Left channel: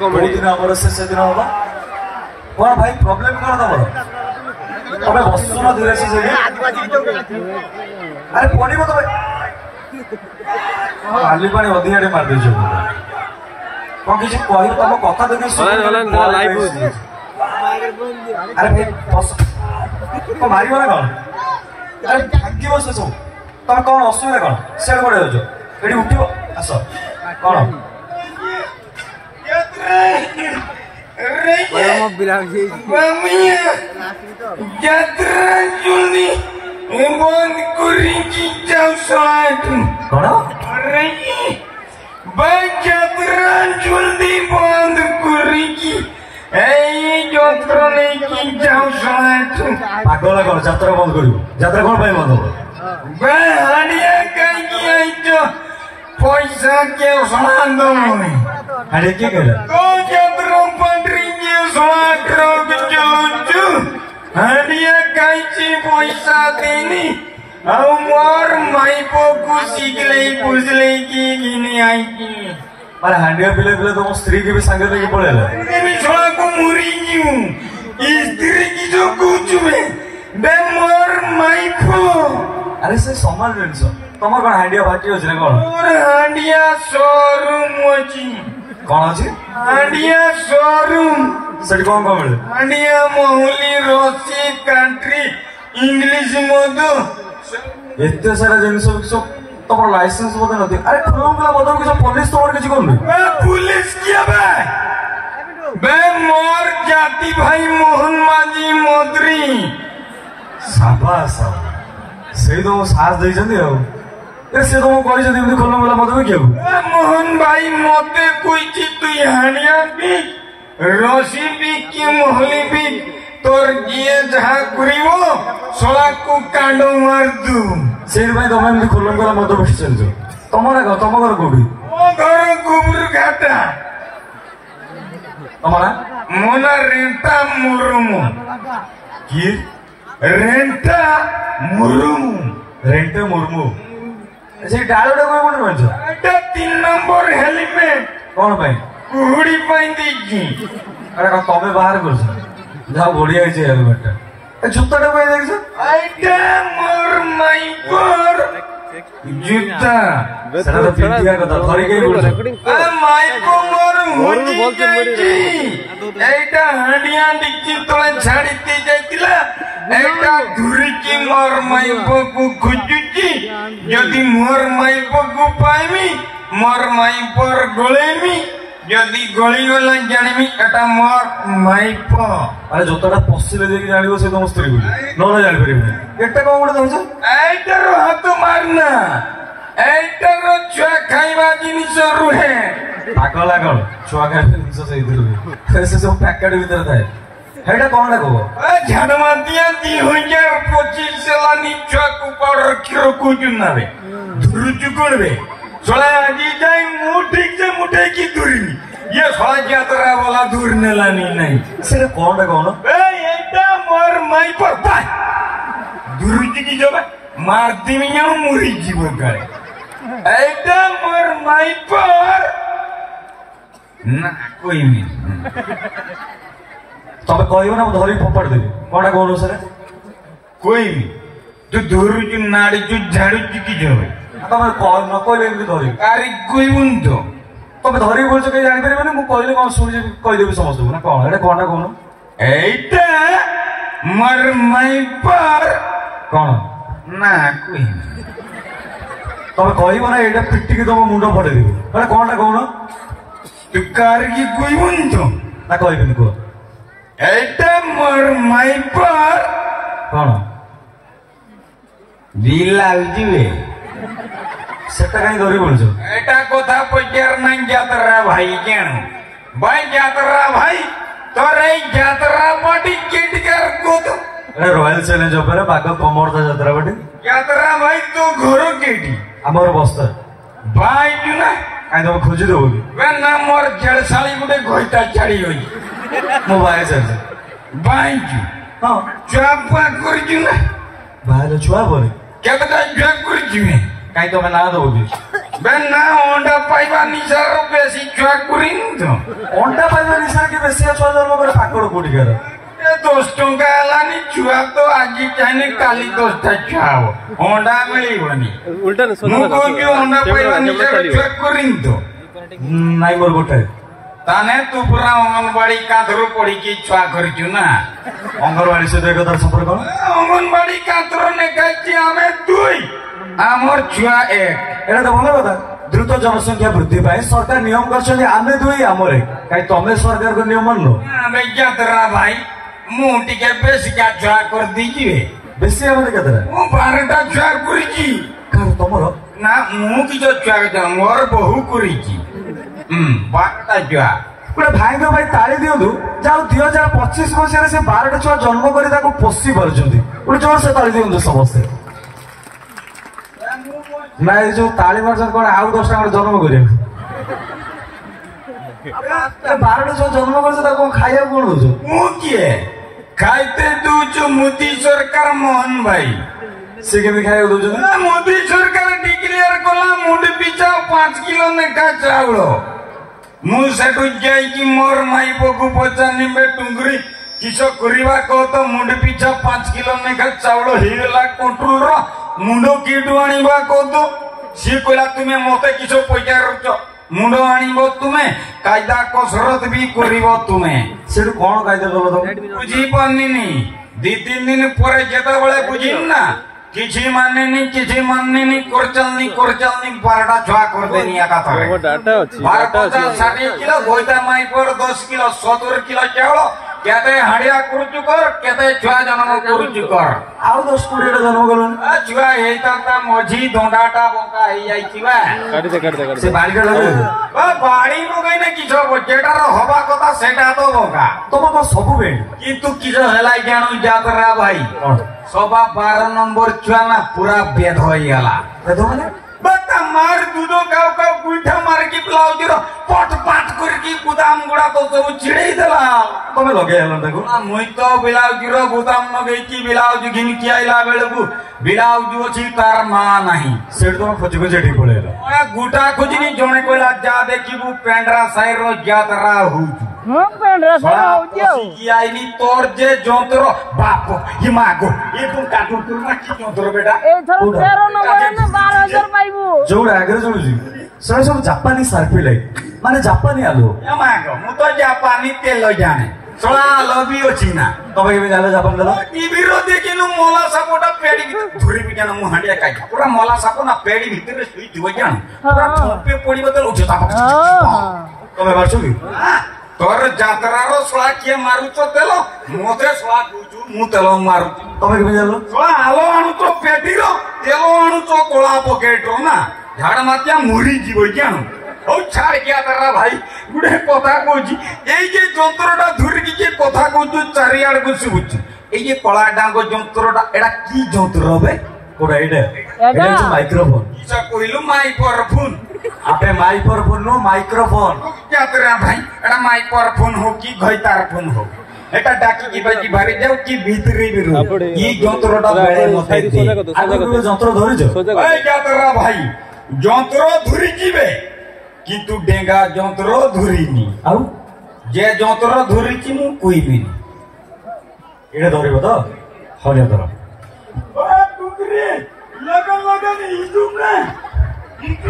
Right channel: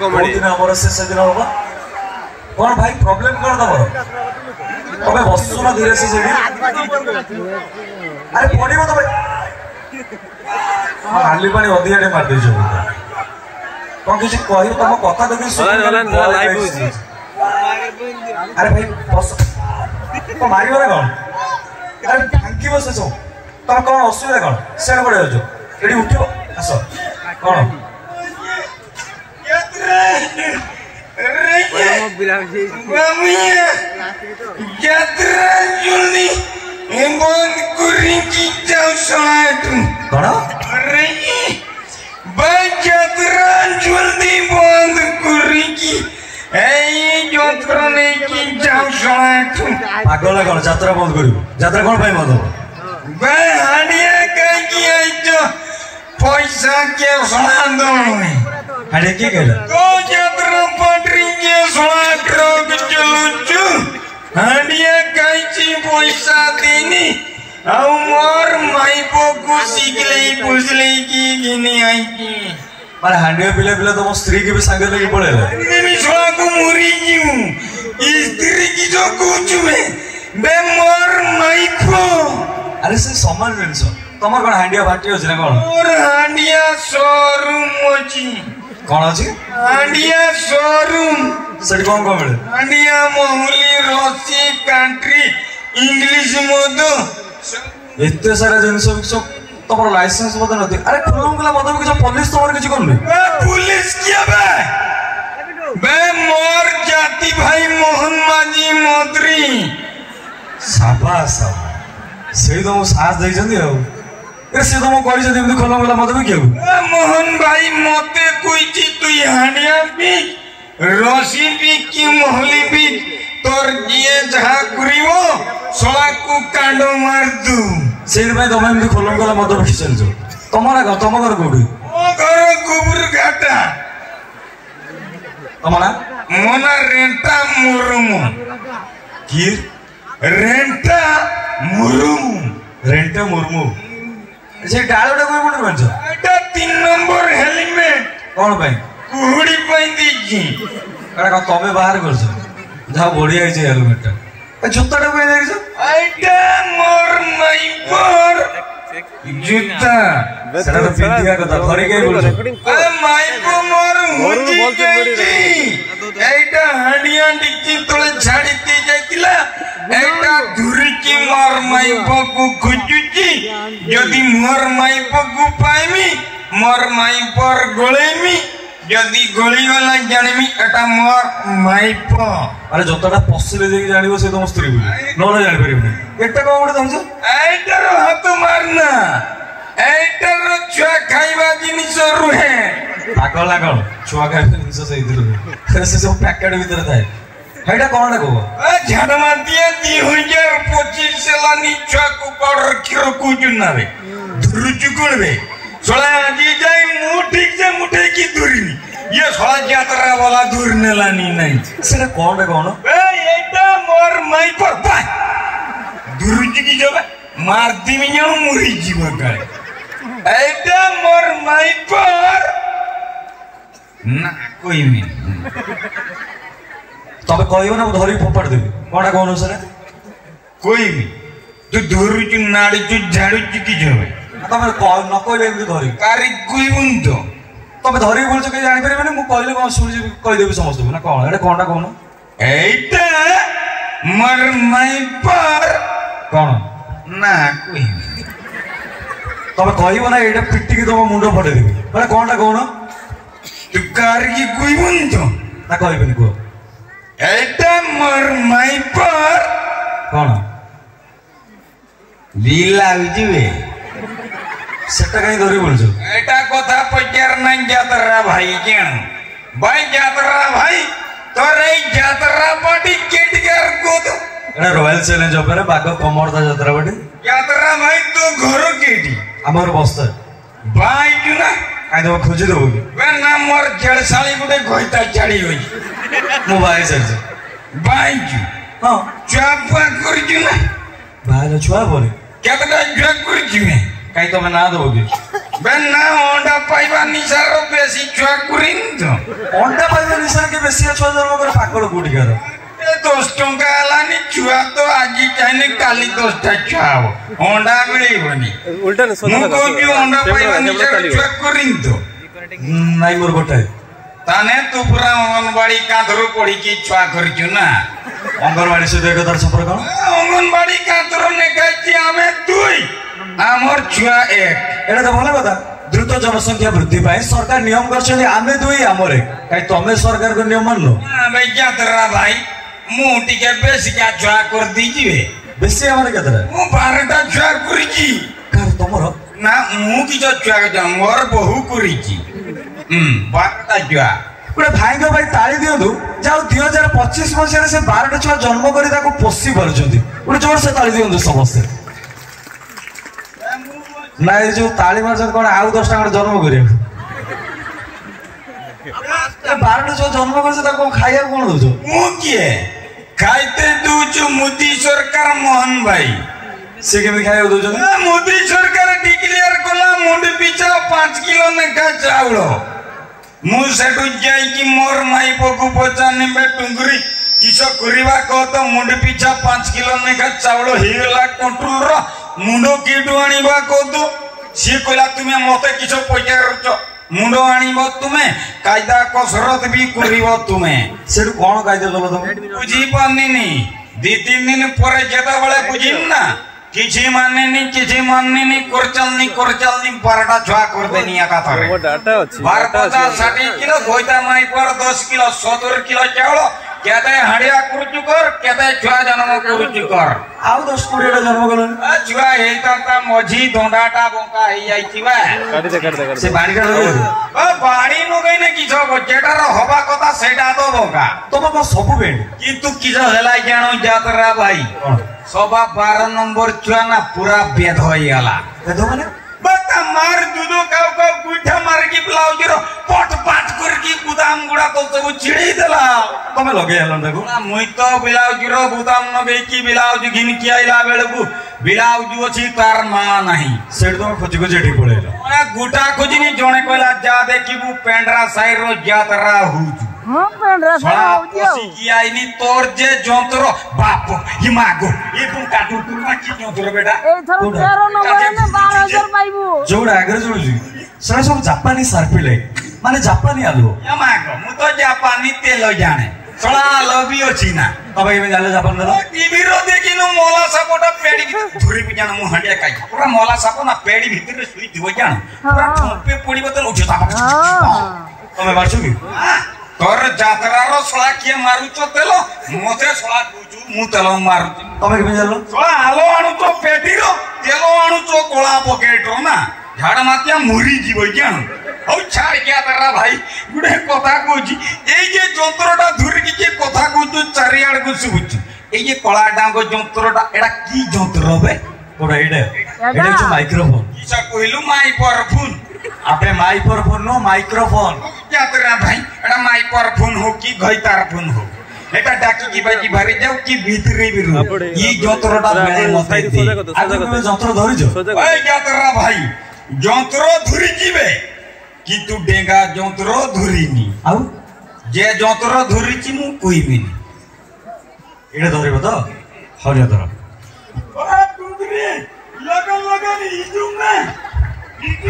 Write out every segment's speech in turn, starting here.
comedy दिन हमर शेष दिन होगा कौन भाई प्रॉब्लम कौन तमर तबे वस्तुर धीरे से जेबे अरे पडिबो तबे आली पानी अधियाडे मार दे जो कौन किछ कहियो तम कथा देखि हलान जरा लाइव हो जी अरे भाई बस तो मारियो ना कौन अरे भांगी बस सब तम कौन असुविधा कौन सेड पड़े हो जो एडी उठियो आसो कौन पागल कौन यात्रा बंद कर यात्रा कौन बंद हो पैसा के हाड़े के कहला को यात्रा पटरिंगे सोना ट्रक चलुचु हाड़िया काईची पैसा देनी आउ मोर माइपो को सिगलई पुजलई की गिने आई की अरे हांडिया पिले पिले तो स्त्री के भी संग लेके पड़ेला मैं सोना को मुरी जीऊ स्त्री की जो कुछ में बे मोर माइपो अरे से समान जिनस तमर कोन हांडिया फाटी होछ ने कोन मोर हांडिया शोरूम होची कौन अच्छी हांडिया शोरूम सेट कौन कौन मिले हांडिया मोहली रोसी कंट्री इंग्लिश मोदो एते सारा जिनिस सब तमर लाइसेंस बोते नथि अरे खुलम गला मदब किछ पुलिस तमर किछ कोन पुलिस किया बे मोर जाति भाई मोहन माजी मोदरी शाबाश सेई तो साथ दे जंदी हो ए से तो कहि जंदी एमती खुलम गला मदब कियो मोहन भाई मते कोई ची तू हानिया भी रोसी भी की मोहली भी तोर जिए जहां करिवो सोला को कांडो मार दू सेई में तमे एमती खुलम गला मदब कि चलजो तमरा घर तम घर कोडी ओ घर गोबर घाटा तमरा मोना रेंटा मुरुमु की रेंटा मुरुमु रेंटे मुर्मू से डालोडा कोई कोन बंच एटा 3 नंबर हेलमेट कोन पे कुहुड़ी पाई दीजी अरे का तमे बाहर कर छ जा बढ़िया है हेलमेट ए जूताटा कोई देख छ आइटा मोर माई पर जूता सेटा पिंडिया कथा धरि के बोल माई को मोर मोरू बोलते बड़ी रे एटा हांडिया डिक्की तळे छाडीते जाइतिला एटा धुरी की मोर माई को खुजुची यदि मोर माई को पाइमी मोर माई पर गोलेमी यदि गोली वाला जानिमी एटा मोर माई प अरे जोताटा पसिले देकी जानिबो से तुम स्त्री बोली नोना जानि परिबो एटा को उडे दउछ एटा रो हाथ मारना एटा रो छुआ खाइबा जिनिस रुहे पागल लागल छुआ खाइ जिनिस से इधर से सब पैकेट भीतर थाए हेडा कोन ना कहबो झाड़मा दिया 2025 सेलानी छुआ को पर रखिरो कुजुना रे धुरुचु कोनबे सोला जी जाई मु ठीक से मुठे की दूरी ये सोला यात्रा वाला दूर नेलानी नहीं सेटा कोन ना कहनो ए एटा मोर माई पर पा धुरुचु की जबा मार दिमी नु मुरी जीव गए एटा मोर माई पर ना कोई नहीं तबे कहइबो ना धरि फोपड़ देबे कोनटा कहनो सेटा कोई भी तू धुरुचु नाड़ी चु झाड़ू की जबे तमे न कहले एमती धरि कारी कोई बुंतो तमे धरि बोलछ के जानि परिबो मु कहले कोन सुनि कहि देबी समस्त ना कोन एटा कोनटा कहनो एटा मर माई पर कोन ना कोई तमे कहइबो ना एटा पिट्टी के तम मुंडो पड़े देबे एटा कोनटा कहनो तू कारी कोई बुंतो ना कहइबेनी को एटा मर माई पर कोन लीलाल जीवे सेटा कहीं धरि बोलछ एटा कथा पचार ना यात्रा भाई केन भाई यात्रा भाई तोरे यात्रा पाटी केटकर को तो अरे रॉयल चैलेंज पर बाग कमरदा यात्रा बटे यात्रा भाई तो घर केटी हमर बस्तर भाई जुना काई तो खोजि देबो वे ना मोर जेड़साली गुटे गोइता छाड़ी होई मोबाइल से भाई जु हां चापा कर जुना भाई छुआ बोले केतटा जग कर जुने काई तो मैं ना दोगे बेना अंडा पाइबा निसार बेसी छुआ कुरिन तो अंडा पाइबा निसार के बेसी छुआ जन्म कर पाकड़ कोठी कर 10 टंका हलानी छुआ तो आज चाहे काली 10 टा छुआ हो अंडा मिलिबनी उल्टा न सोजा लगा को अंडा पाइबा निसार छुआ कुरिन तो नाइ मोर गोटे ताने तू पूरा अंगनवाड़ी कांधरो पड़ी की छुआ करछु ना अंगनवाड़ी से देखो तार संपर्क कोन अंगनवाड़ी कांधरो ने कहछि हमें दुई आमर छुआ एक एटा तो भलो कथा द्रुत जनसंख्या वृद्धि पाए सरकार नियम करछन आमे दुई आमर एक काई तमे सरकार को नियम मानलो आमे यात्रा भाई मु टिके बेसी का छुआ कर दीजिए बेसी आमर केतरा मु 12 टा छुआ करछि कार तमरो ना मु की जो छुआ के मोर बहु करछि 12 टा छुआ गोटे भाई भाई ताली दियंतु जाऊ 2025 मसीह से 12 टा छुआ जन्म करी ताको पोसी परछंती गोटे जोर से ताली दियंतु समस्त ना ये जो ताली मारछन कोन आउ 10 टा जन्म करिया 12 टा जो जन्म करछ ताको खाइया कोन दोछ मु किए खाइते दूछ मोदी सरकार मोहन भाई से के भी खाइया दोछ मोदी सरकार डिक्लेयर कला मुंड पिछा 5 किलो नेखा चाउल मु सेटु जाई कि मोर माई बगु पचानी में टुंगरी किछो करिवा को तो मुंड पिछा 5 किलो नेखा चाउल हेला कंट्रोल रो मुंडो किडु आनिबा को तो सी कोला तुमे मते किछो पैसा रच मुंडो आनिबो तुमे कायदा कसरत भी करिवो तुमे सेटु कोन कायदा कलो तुम बुझी पानिनी 2-3 दिन परे जेता बेले बुझिम ना किछि माननेनी करचलनी 12टा छुआ कर देनी एका थारे वो डाटा अछि 60 किलो गोइता माई पर 10 किलो 70 किलो चावल केते हाडिया कुरुचु कर केते छुआ जन्म कुरुचु कर आउ 10-20 टा जन्म कलन छुआ हेता ता मझी दोंडाटा बोका हेई जाईछि बा काटी दे से बाड़ी का ओ बाड़ी मगैने किछो जेटार हवा कथा सेटा तो बोका तुम को सब बेंड किंतु किछो हेलाई जानो यात्रा भाई सभा 12 नंबर छुआ ना पूरा बेद होई गला बेद माने बता मार दूधो काव काव गुठा मार की ब्लाउज रो पट पाट कर की गुदाम गुडा तो सब छिड़े देला तमे लगे हलन देखो ना मुई तो ब्लाउज रो गुदाम नगे की ब्लाउज घिन की आइला बेलकु ब्लाउज अछि तार मा नाही सेठ तो खोज खोज एठी पळेला ओया गुटा खोजनी जणे कोला जा देखिबु पेंडरा साइड रो यात्रा होजु हम पेंडरा साइड होजु ओसी की आइनी तोर जे जंतर बाप हिमागो ए तुम काटू तू ना की जंतर बेटा ए थर 13 नंबर ने 12000 पाइबु जोड आगरे जोडुजी सर सब जापानी सार्पी लाइट माने जापानी आलो हिमागो मु तो जापानी तेल जाने सोळा लबी अछि ना तबे के जाले जापान दला टीवी रो देखिनु मोला सापोटा पेडी धुरी के जाना मु हंडिया काई पूरा मोला सापो ना पेडी भीतर सुई दिव जान पूरा ठोपे पड़ी बदल उठे था तमे मारछु की तोर जात्रा रो सोळा के मारू तो तेलो मोते सोळा गुजु मु तेलो मारू तमे के जालो सोळा आलो आणु तो पेडी रो तेलो आणु तो कोळा पॉकेट रो ना झाड़ मातिया मुरी जीव जान ओ छाड़ के आतरा भाई गुडे कथा कोजी एई जे जंत्रटा धुरी के कथा कोजु चारियाड को सुबुची एई जे कळा डांगो जंत्रटा एडा की जंत्र बे कोडा एडा जो माइक्रोफोन किसा कहिलु माइक्रोफोन आपे माइक्रोफोन नो माइक्रोफोन यात्रा भाई एडा माइक्रोफोन हो की घइतार फोन हो एटा डाकी की भाई की बारी जाऊ की भीतरी बिरु ई जंत्रटा बेले नथाई आगो जंत्र धरिजो ए यात्रा भाई जंत्र धुरी जीवे किंतु डेंगा जंत्र धुरीनी आउ जे जंत्र धुरीची मु कुइबिनी एडा धरिबो तो हरिया धर ओ टुकरी लगन इजुमे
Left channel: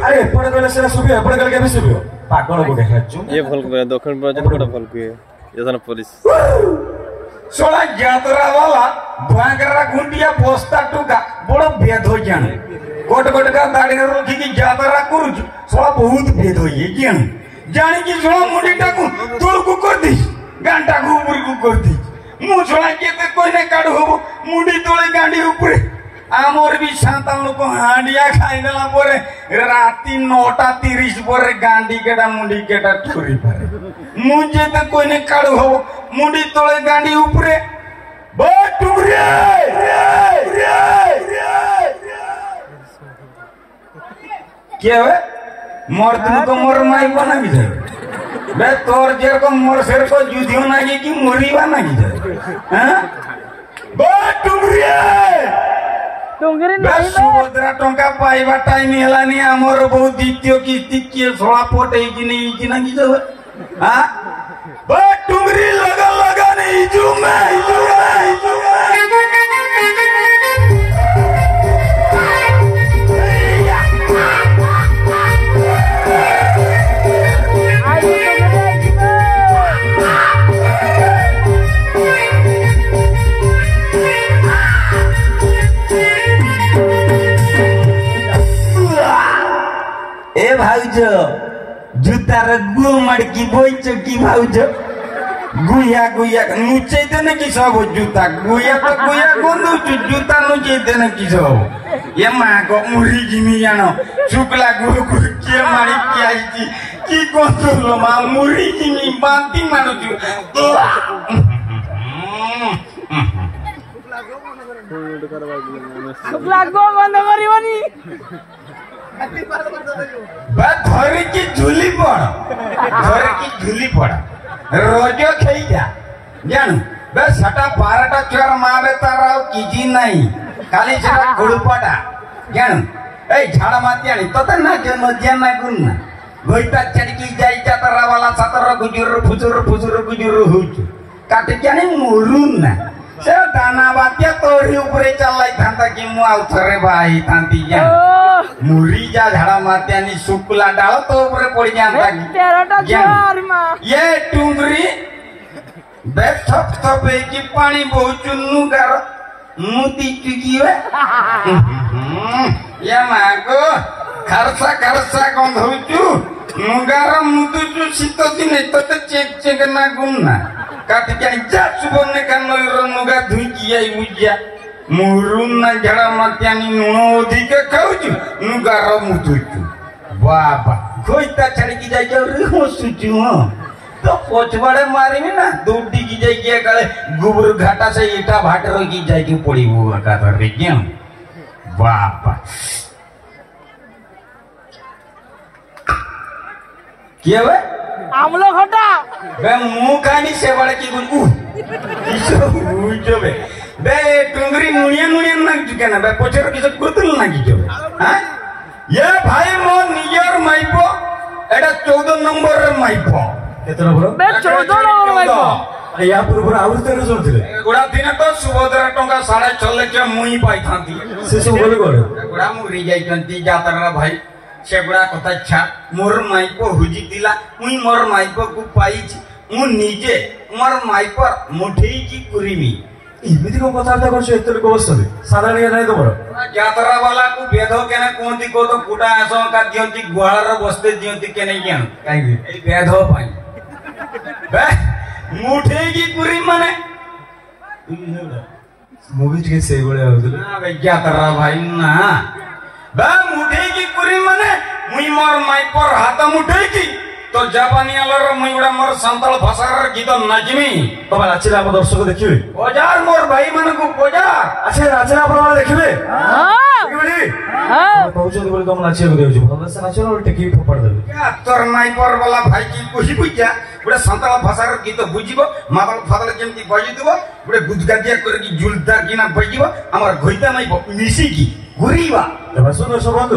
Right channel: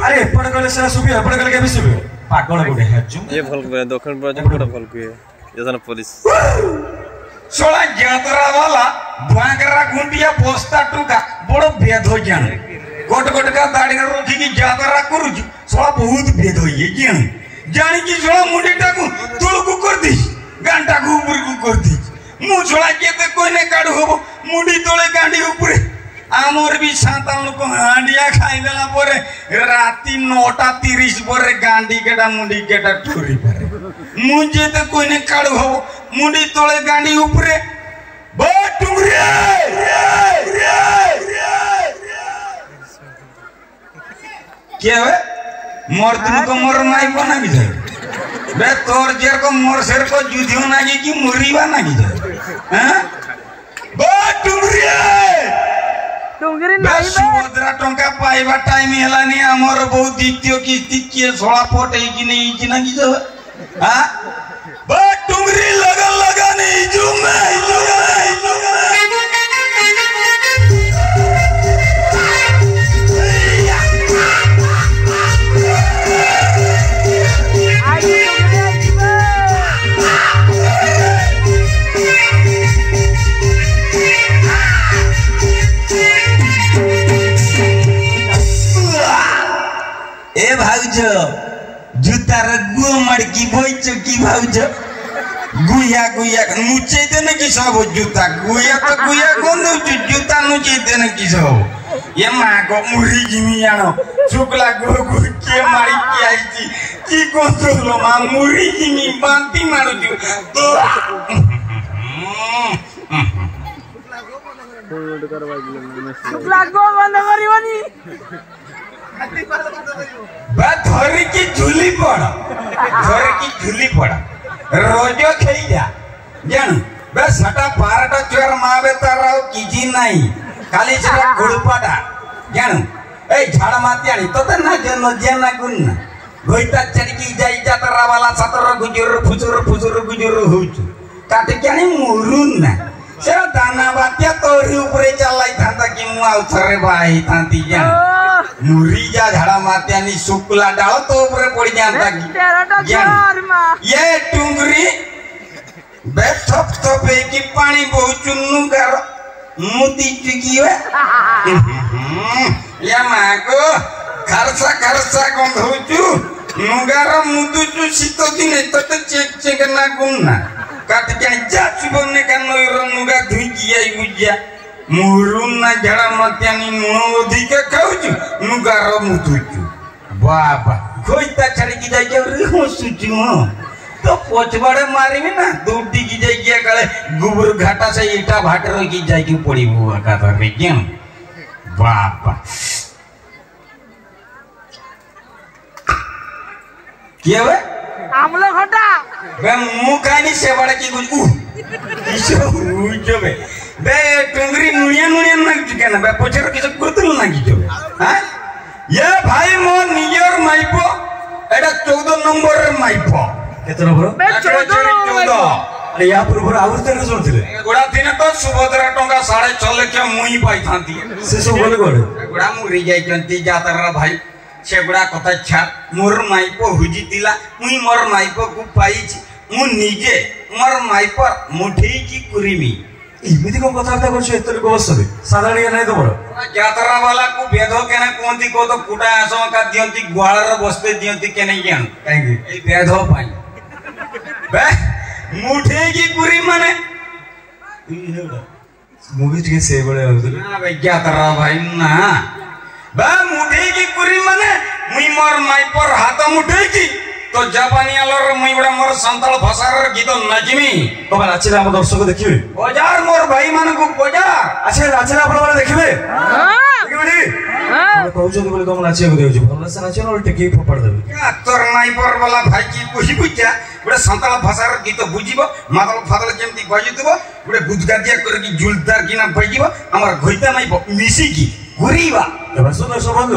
अरे एपड़ गले से सुबियो एपड़ गले के सुबियो पागल गोटे हजु ये भल को दक्षिण प्रोजेक्ट कोटा भल को जसन पुलिस सोला यात्रा वाला भांगरा गुंडिया पोस्ता टुका बड़ भेद हो जान गोट गोट का दाढ़ी रखी की यात्रा करू सोला बहुत भेद हो ये जानी की सोला मुंडीटा को तोल को कर दी गांटा को ऊपर को कर दी मु सोला के तो कोई ने काढ हो मुंडी तोले गांडी ऊपर आमर भी 57 को हांडिया खाई देला परे राती 9:30 परे गांडी केटा मुंडी केटा ठुरी पारे मुझे तो कोई ने काढ हो मुंडी तोले गांडी ऊपर बे टुंगरी क्या है मोर तुमको मोर माई बना भी जाए बे तोर जेर को मोर शेर को जुधियो ना की मुरीवा ना की जाए हैं बे टुंगरी ଟୁଙ୍ଗିରି ବେ ନାହିଁ ବେ ସୁଭଦ୍ରା ଟଙ୍କା ପାଇବା ଟାଇମ ହେଲାନି ଆମର ବହୁ ଦ୍ୱିତୀୟ କିସ୍ତି କିଏ ଶଳା ପଟେଇକି ନେଇଛି ନା କିଛି ହାଁ ବେ ଟୁଙ୍ଗରି ଲଗା ଲଗା ନେଇଛୁ ए भाउज जूतार गु मड़की बोइछ की भाउज गुया गुया नुचे देने की सब जूता गुया तो गुया गुंदु जूता नुचे देने की सब ये मां को मुरी जिमी जानो शुक्ला गुरु गुरु के मारी की आईची की कोंतो मां मुरी जिमी बांती मानु तो ଲାଗो ବନ୍ଦ କରିବନି धर की झूली पड़ रोजो खेई जा जानू बे सटा 12टा चुर मावे तार किजी नाही खाली सेटा गुडपाटा जानू ए झाड़ मात्यानी तते ना जे नजिया ना गुन ना गोइता चड़की जाई जातरा वाला सतर गुजुर फुजुर गुजुर होचु काटे क्यानी मुरुन ना से दाना बात्या तोरी ऊपर चलाई थांता कि मु आउ थरे बाई थांती जान मुरी जा झाड़ा मात्यानी शुक्ला डाल तो ऊपर पड़ जाता ये टुंगरी बे थप थप की पानी बहुत चुन्नू करो मुती चुकी है ये मां को खरसा गंधौचु नुगार मुदुचु शीत दिन तते चेक ना गुन्ना काट जानी जा सुबने कानो नुगा धुई किया उजिया मुरुन ना झाड़ा मात्यानी नुण अधिक खाउचु नुगार मुदुचु बाबा खोइता छड़ी की जाई रे हसुचु तो पोचबड़े मारिबी ना दूडी की जाई के काले गुबर घाटा से ईटा भाटर की जाई की पड़ी बुआ का रे केम बाबा क्या वे आमला खटा बे मु कानी से बड़े की गुल किसो उजो बे टुंगरी मुनिया ना के ना बे पोचर किस गुतल ना की जो हां ये भाई मो नियर माइपो एटा 14 नंबर माइपो केतना बरो 14 या पूर्व आउर तेरे जोर थिले गोडा दिन तो सुभद्रा टंका 6.5 लाख मुई पाई थांती से सब बोले गोडे गोडा मुरी जाई जंती जातरा भाई सेगुड़ा कथा छा मोर माइपो हुजी दिला मुई मोर माइपो को पाइछ मु निजे मोर माइपर मुठेई की कुरिमी इमिति को कथा करता करछ एतले को बसबे साधारण या नहीं तोर जातरा वाला को भेदो केना कोंती को तो कुटा आसो का दियंती गुहाळर बसते दियंती केने ज्ञान काई ए भेदो पाई बे मुठेई की कुरी माने मूवी के से बड़े होतले ना भाई जातरा भाई ना बे मुठेई की कुरी माने मुई मोर माइपर हाथ मुठेई की तो जापानी आलर मुई बड़ा मोर संताल भाषार गीत नाचमी तो नाचले हम दर्शक देखिबे बजार मोर भाई मान को बजार अच्छा नाचले आपण माने देखिबे हां देखिबे हम कहउछ बोले तुम नाचिए को देउ भलो से नाचियो और टेकी फोपड़ देबे क्या तोर माइपर वाला भाई की बुझी बुझा बड़ा संताल भाषार गीत बुझिबो मादल फादल जेंती बजितबो बड़ा गुजगादिया करकी जुलदार किना बजिबो हमर घोइता माइप मिसी की गुरीबा तब सुनो सब बंधु